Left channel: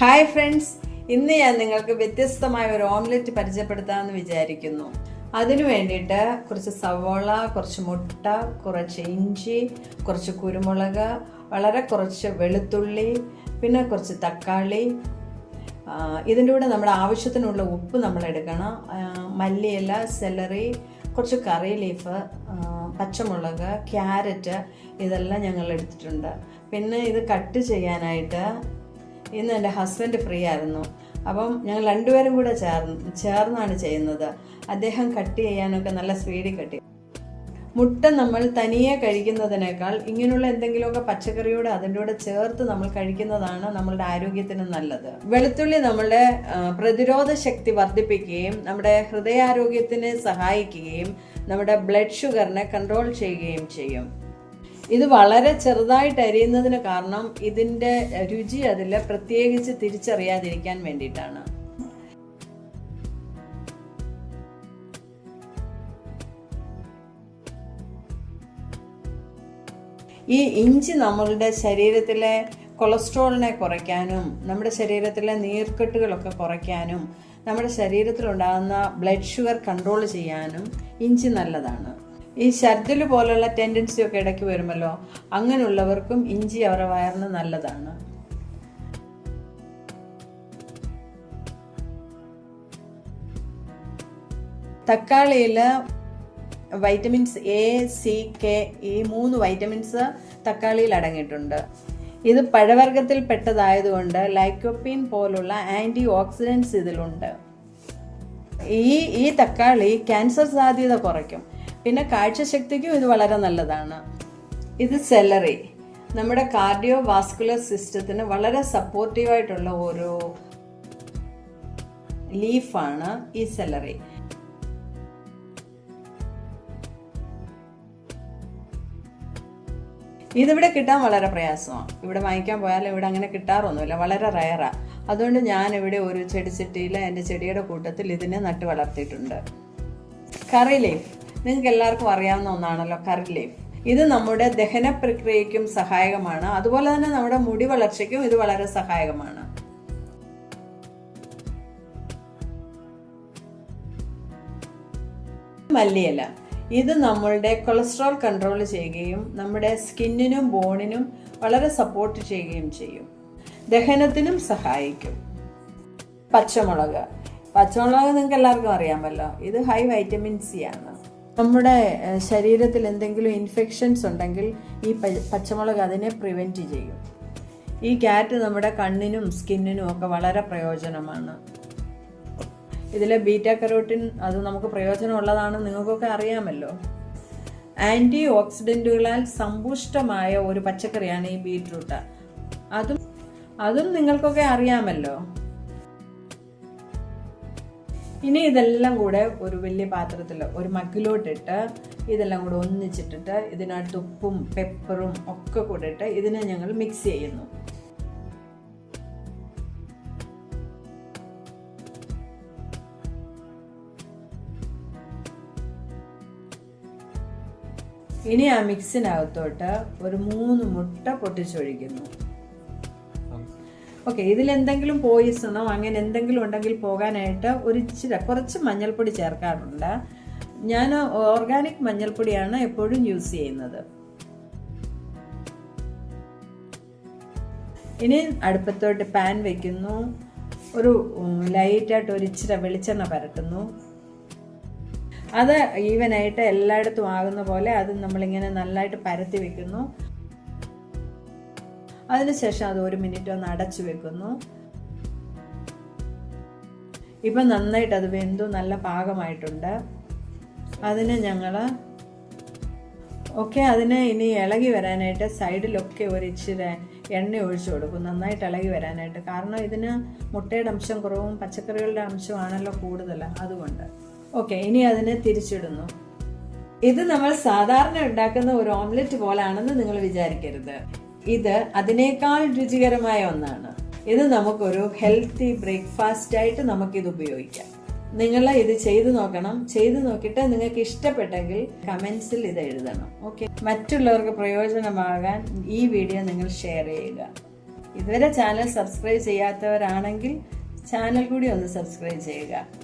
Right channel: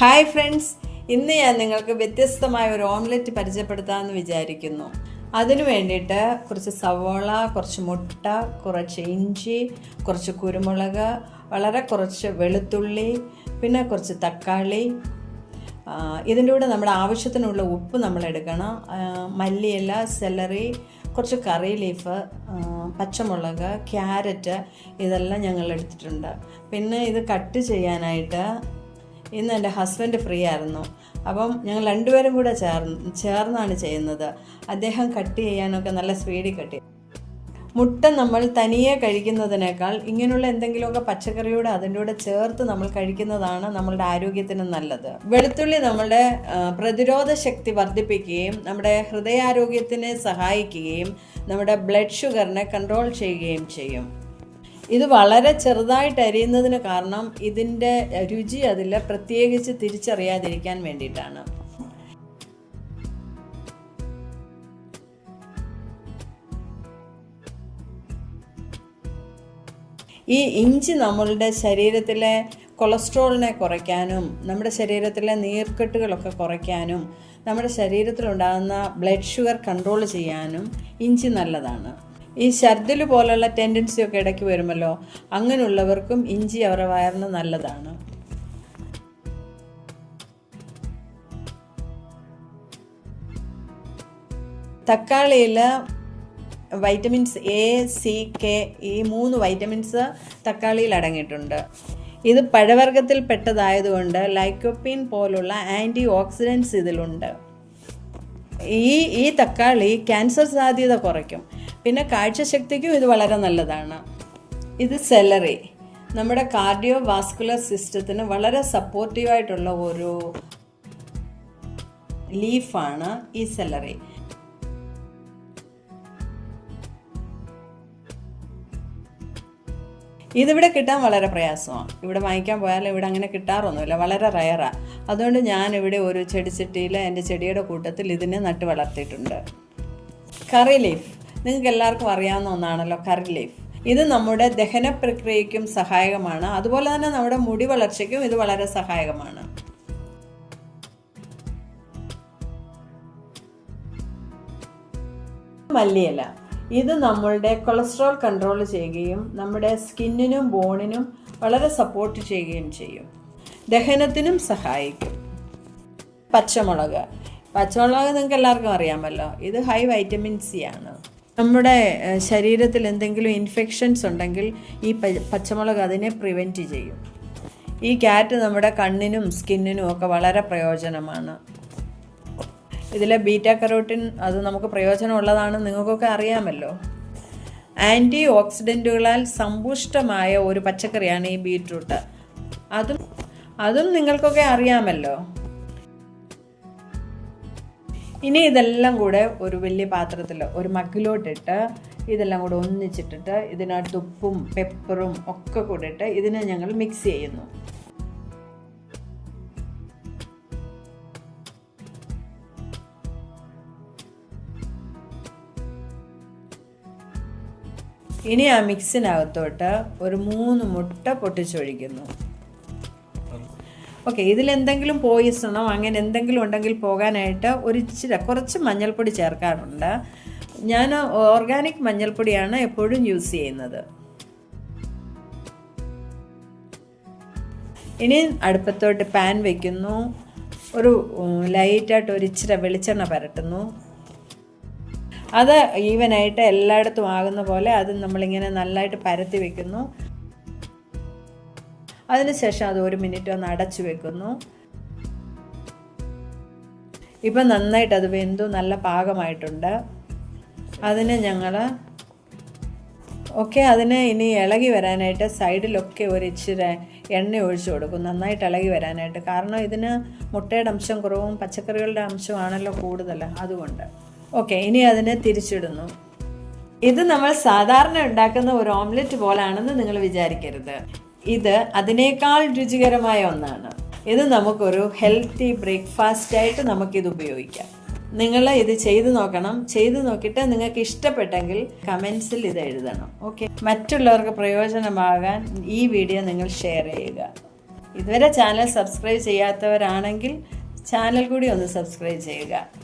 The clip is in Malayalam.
ഹായ് ഫ്രണ്ട്സ്, ഇന്ന് ഞാൻ നിങ്ങൾക്ക് വ്യത്യസ്തമായ ഒരു ഓംലെറ്റ് പരിചയപ്പെടുത്താമെന്ന് വിചാരിക്കുന്നു. അതിനു വേണ്ടിയിട്ട് കുറച്ച് സവോള, കുറച്ച് മുട്ട, കുറച്ച് ഇഞ്ചി, കുറച്ച് കുരുമുളക്, വളരെ കുറച്ച് വെളുത്തുള്ളി, പിന്നെ കുറച്ച് തക്കാളി, ഇതിൻ്റെ കൂടെ നമ്മുടെ ആവശ്യത്തിനുള്ള ഉപ്പ് നമ്മൾ എടുക്കണം, മല്ലിയില, സെലറി, കുറച്ച് കറി ലീഫ്, പച്ചമുളക്, ക്യാരറ്റ്, ഇതെല്ലാം ഞങ്ങൾ എടുത്തിട്ടുണ്ട്. പിന്നെ ഇത് കട്ട് ചെയ്യാനായിട്ട് ഇന്ന് എൻ്റെ ഹസ്ബൻഡ് ഫ്രീ ആയിരുന്നു. അപ്പം ഞങ്ങൾ രണ്ടുപേരും കൂടെ ചേർന്നാണ് ചെയ്യുന്നത്. അദ്ദേഹം കട്ട് ചെയ്യാനൊക്കെ നല്ല സ്പീഡിൽ കട്ട്. മുട്ട നമ്മൾ തനിയെ കഴിക്കുന്നതിനേക്കാൾ ഇങ്ങനെയുള്ള എന്തെങ്കിലുമൊക്കെ പച്ചക്കറിയോട് അതിൻ്റെ കൂടെ ചേർത്ത് നമ്മൾ കഴിക്കുന്നതാണ് നമ്മളുടെ ആരോഗ്യത്തിന് നല്ലത്. വെളുത്തുള്ളി നമ്മളുടെ പ്രതിരോധ ശക്തി വർദ്ധിപ്പിക്കുകയും നമ്മുടെ ഹൃദയാരോഗ്യത്തിനെ സഹായിക്കുകയും നമ്മുടെ ബ്ലഡ് ഷുഗറിനെ കൺട്രോൾ ചെയ്യുകയും ചെയ്യും. ഇത് വളരെ ചെറുതായിട്ട് അരിയുന്നതിന് കാരണം ഇതിൻ്റെ രുചി അതിൽ പ്രത്യേകിച്ച് തിരിച്ചറിയാതിരിക്കാൻ വേണ്ടിയിട്ടാണ്. ഈ ഇഞ്ചി നമ്മളുടെ ശരീരത്തിലെ കൊളസ്ട്രോളിനെ കുറയ്ക്കാനും നമ്മുടെ ശരീരത്തിലെ നീർക്കെട്ടുകളൊക്കെ കുറയ്ക്കാനും നമ്മുടെ ശരീരത്തിലുണ്ടാകുന്ന ബ്ലഡ് ഷുഗർ കൺട്രോൾ ചെയ്യാനും ഇഞ്ചി നല്ലതാണ്. ഈ ഛർദിൽ പോലുള്ള ടെൻഡൻസിയൊക്കെ ഇടയ്ക്ക് വരുമല്ലോ, അങ്ങനെയുള്ളവർക്കും ഇഞ്ചി അവരുടെ വയറിന് നല്ലതാണ്. തക്കാളിയിൽ വൈറ്റമിൻസ് എ, സി, കെ, ഈ 3 വൈറ്റമിൻസ് തക്കാളിയിൽ അടങ്ങിയിട്ടുണ്ട്. ഇത് പഴവർഗ്ഗത്തിൽ പെട്ടതായതുകൊണ്ട് ലൈക്കോപ്പീൻ പോലുള്ള ആൻറ്റി ഓക്സിഡൻസ് ഇതിലുണ്ട്. ഈ തക്കാളി ക്യാൻസർ സാധ്യത കുറയ്ക്കും. പിന്നെ കാഴ്ചശക്തിക്കും ഇത് വളരെ നല്ലതാണ്. ഇത് സെലറി, നമ്മുടെ കാർഡിയോ വാസ്കുലർ സിസ്റ്റത്തിന് വളരെ സപ്പോർട്ടീവായിട്ടുള്ള ഒരു ലീഫാണ് ഈ സെലറി. ഇതിവിടെ കിട്ടാൻ വളരെ പ്രയാസമാണ്. ഇവിടെ വാങ്ങിക്കാൻ പോയാലും ഇവിടെ അങ്ങനെ കിട്ടാറൊന്നുമില്ല, വളരെ റയറാണ്. അതുകൊണ്ട് ഞാനിവിടെ ഒരു ചെടിച്ചട്ടിയിൽ എൻ്റെ ചെടിയുടെ കൂട്ടത്തിൽ ഇതിനെ നട്ട് വളർത്തിയിട്ടുണ്ട്. കറി ലീഫ് നിങ്ങൾക്ക് എല്ലാവർക്കും അറിയാവുന്ന ഒന്നാണല്ലോ, കറി ലീഫ്. ഇത് നമ്മുടെ ദഹന പ്രക്രിയയ്ക്കും സഹായകമാണ്. അതുപോലെ തന്നെ നമ്മുടെ മുടി വളർച്ചയ്ക്കും ഇത് വളരെ സഹായകമാണ്. മല്ലിയില, ഇത് നമ്മളുടെ കൊളസ്ട്രോൾ കൺട്രോൾ ചെയ്യുകയും നമ്മുടെ സ്കിന്നിനും ബോണിനും വളരെ സപ്പോർട്ട് ചെയ്യുകയും ചെയ്യും. ദഹനത്തിനും സഹായിക്കും. പച്ചമുളക് നിങ്ങൾക്ക് എല്ലാവർക്കും അറിയാമല്ലോ, ഇത് ഹൈ വൈറ്റമിൻ സി ആണ്. നമ്മുടെ ശരീരത്തിൽ എന്തെങ്കിലും ഇൻഫെക്ഷൻസ് ഉണ്ടെങ്കിൽ ഈ പച്ചമുളക് അതിനെ പ്രിവെൻറ്റ് ചെയ്യും. ഈ ക്യാരറ്റ് നമ്മുടെ കണ്ണിനും സ്കിന്നിനും ഒക്കെ വളരെ പ്രയോജനമാണ്. ഇതിലെ ബീറ്റ കരോട്ടിൻ അത് നമുക്ക് പ്രയോജനമുള്ളതാണെന്ന് നിങ്ങൾക്കൊക്കെ അറിയാമല്ലോ. ആൻറ്റി ഓക്സിഡൻറ്റുകളാൽ സമ്പുഷ്ടമായ ഒരു പച്ചക്കറിയാണ് ഈ ബീറ്റ്റൂട്ട്. അതും നിങ്ങൾക്കൊക്കെ അറിയാമല്ലോ. ഇനി ഇതെല്ലാം കൂടെ ഒരു വലിയ പാത്രത്തിൽ ഒരു മഗ്ഗിലോട്ടിട്ട് ഇതെല്ലാം കൂടെ ഒന്നിച്ചിട്ടിട്ട് ഇതിനകത്ത് ഉപ്പും പെപ്പറും ഒക്കെ കൂടെ ഇട്ട് ഇതിനെ ഞങ്ങൾ മിക്സ് ചെയ്യുന്നു. ഇനി ആ മിക്സിനകത്തോട്ട് ഒരു 3 മുട്ട പൊട്ടിച്ചൊഴിക്കുന്നു. ഓക്കെ, ഇതിലെന്തെങ്കിലും പോയിസണോ അങ്ങനെ എന്തെങ്കിലും ഉണ്ടെങ്കിൽ പോകാനായിട്ട് കുറച്ച് മഞ്ഞൾപ്പൊടി ചേർക്കാറുണ്ട്. ഞാൻ ഓർഗാനിക് മഞ്ഞൾപ്പൊടിയാണ് എപ്പോഴും യൂസ് ചെയ്യുന്നത്. ഇനി അടുപ്പത്തോട്ട് പാൻ വയ്ക്കുന്നു. ഒരു ലൈറ്റായിട്ട് ഇച്ചിരി വെളിച്ചെണ്ണ പരട്ടുന്നു. അത് ഈവനായിട്ട് എല്ലായിടത്തും ആകുന്ന പോലെ അത് നമ്മളിങ്ങനെ നല്ലതായിട്ട് പരത്തി വെക്കുന്നു. അതിനുശേഷം അത് 1 മിനിറ്റ് ഒന്ന് അടച്ചു വെക്കുന്നു. ഇപ്പം നന്നായിട്ട് അത് വെന്തു നല്ല പാകമായിട്ടുണ്ട്. അതിനെ അതിനെ ഇനി ഇളകി വരാനായിട്ട് സൈഡിലൊക്കെ ഇച്ചിരി എണ്ണ ഒഴിച്ചു കൊടുക്കും, നന്നായിട്ട് ഇളകി വരാനായിട്ട്. കാരണം ഇതിന് മുട്ടയുടെ അംശം കുറവും പച്ചക്കറികളുടെ അംശമാണല്ലോ കൂടുതൽ, അതുകൊണ്ട്. ഇനി അതിനെ തിരിച്ചിടുന്നു. ഇത് നമ്മൾ സാധാരണ ഉണ്ടാക്കുന്ന ഒരു ഓംലെറ്റ് പോലാണെന്ന് നിങ്ങൾ വിചാരിക്കരുത്. ഇത് അതിനേക്കാൾ രുചികരമായ ഒന്നാണ്. ഇത് നമുക്കൊരു ഹെൽത്തി ബ്രേക്ക്ഫാസ്റ്റായിട്ട് നമുക്കിത് ഉപയോഗിക്കാം. നിങ്ങൾ ഇത് ചെയ്തു നോക്കണം. ചെയ്തു നോക്കിയിട്ട് നിങ്ങൾക്ക് ഇഷ്ടപ്പെട്ടെങ്കിൽ കമൻസിൽ ഇത് എഴുതണം. മറ്റുള്ളവർക്ക് പ്രയോജനമാകാൻ ഈ വീഡിയോ നിങ്ങൾ ഷെയർ ചെയ്യുക. ഇതുവരെ ചാനൽ സബ്സ്ക്രൈബ് ചെയ്യാത്തവരാണെങ്കിൽ ചാനൽ കൂടി ഒന്ന് സബ്സ്ക്രൈബ് ചെയ്യുക.